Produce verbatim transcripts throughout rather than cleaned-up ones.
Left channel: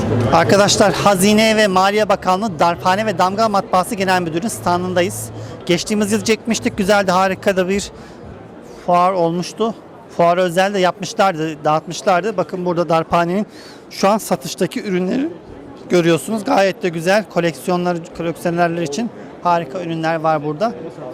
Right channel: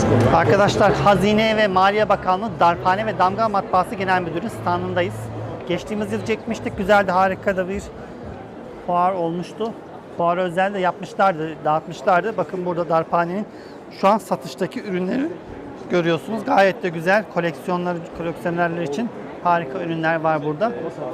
Arkadaşlar, Hazine ve Maliye Bakanlığı Darphane ve Damga Matbaası Genel Müdürü'nün standındayız. Geçtiğimiz yıl çekmiştik. Güzeldi, harika da bir fuar olmuştu. Fuarı özel de yapmışlardı, dağıtmışlardı. Bakın burada Darphane'nin şu an satıştaki ürünleri görüyorsunuz. Gayet de güzel. Koleksiyonlar, koleksiyonerler için harika ürünler var burada.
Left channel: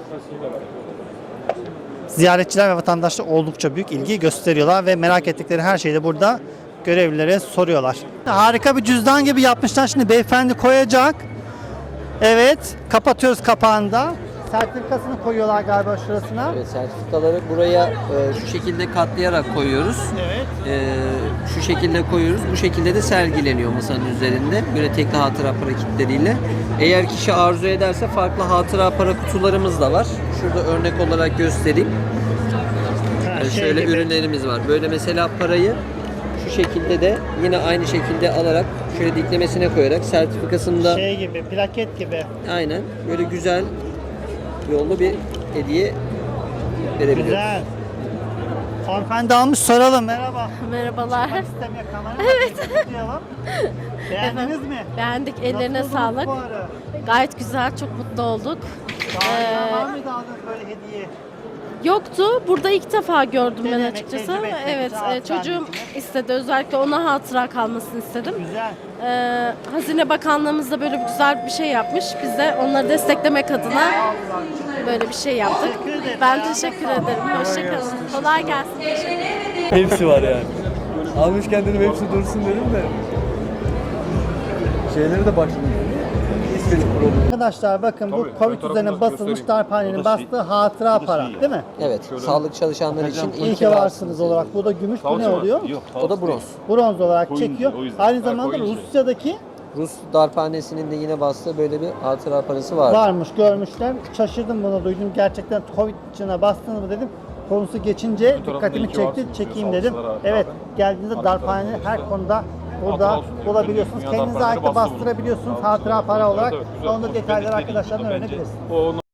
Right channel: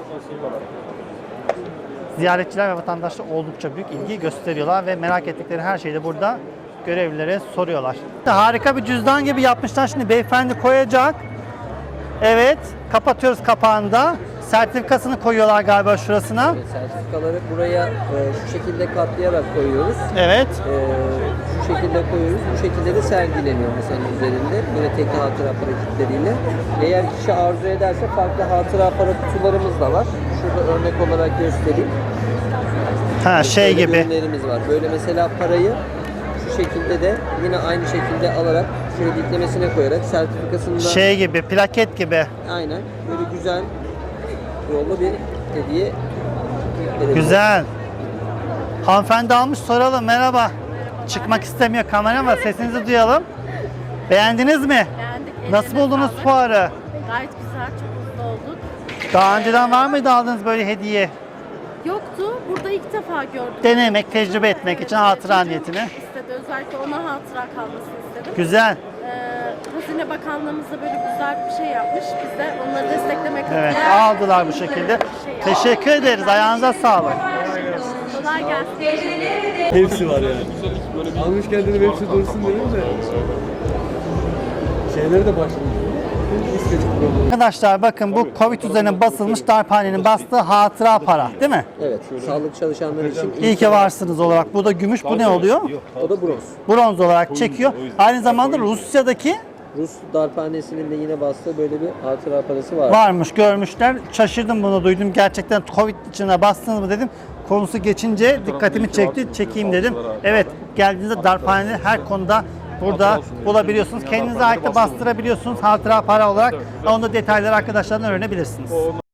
Ziyaretçiler ve vatandaşlar oldukça büyük ilgi gösteriyorlar ve merak ettikleri her şeyi de burada görevlilere soruyorlar. Harika bir cüzdan gibi yapmışlar. Şimdi beyefendi koyacak. Evet, kapatıyoruz kapağında. Sertifikasını koyuyorlar galiba şurasına. Evet, sertifikaları buraya e, şu şekilde katlayarak koyuyoruz. Evet. E, şu şekilde koyuyoruz. Bu şekilde de sergileniyor masanın üzerinde. Böyle tekli hatıra para kitleriyle. Eğer kişi arzu ederse farklı hatıra para kutularımız da var. Şurada örnek olarak göstereyim. Ha, şey Şöyle gibi. ürünlerimiz var. Böyle mesela parayı şu şekilde de yine aynı şekilde alarak şöyle diklemesine koyarak sertifikasını da Şey gibi, plaket gibi. aynen böyle güzel yollu bir hediye verebiliriz. Güzel. Hanımefendi almış, soralım. Merhaba. Merhabalar. Çıkmak istemiyor kamera ama sesinizi duyalım. Beğendiniz mi? Beğendik. Nasıl Ellerine buldunuz sağlık. fuarı? Gayet güzel, çok mutlu olduk. Daha Ee, önceden var mıydı aldığınız böyle hediye? Yoktu. Burada ilk defa gördüm. Denemek, açıkçası. tecrübe etmek Evet, için e, hatıra çocuğum niyetine. istedi. Özellikle ona hatıra kalmasını istedim. Güzel. Ee, Hazine Bakanlığımız da böyle güzel bir şey yapmış. Biz de onları desteklemek Evet, adına aldılar bu şekilde. böyle bir şey yaptık. Teşekkür ederiz. Ben Ayağınıza teşekkür sağlık. ederim. Hoşçakalın. Kolay gelsin. Hepsi var yani. Almış kendini hepsi dursun dedim de. Şeyleri de başladı. İstedik programı. Arkadaşlar bakın bu Covid üzerine basılmış Darphane'nin bastığı hatıra para değil mi? Evet, sağlık çalışanları için İyi ki varsınız olarak. Bu da gümüş, bu ne oluyor? bu da bronz. Bronz olarak çekiyor. Aynı zamanda Rusya'daki Rus darphanesinin de yine bastığı böyle bir hatıra parası var. varmış, görmüşler. Şaşırdım, bunu duydum. Gerçekten Covid içine bastınız mı dedim. Konusu geçince dikkatimi çekti, çekeyim dedim. Evet, geldiğinizde Darphane'leri her konuda burada bulabiliyorsunuz. Kendinize ait de bastırabiliyorsunuz hatıra para olarak. Onun da detayları arkadaşlardan öğrenebilirsiniz.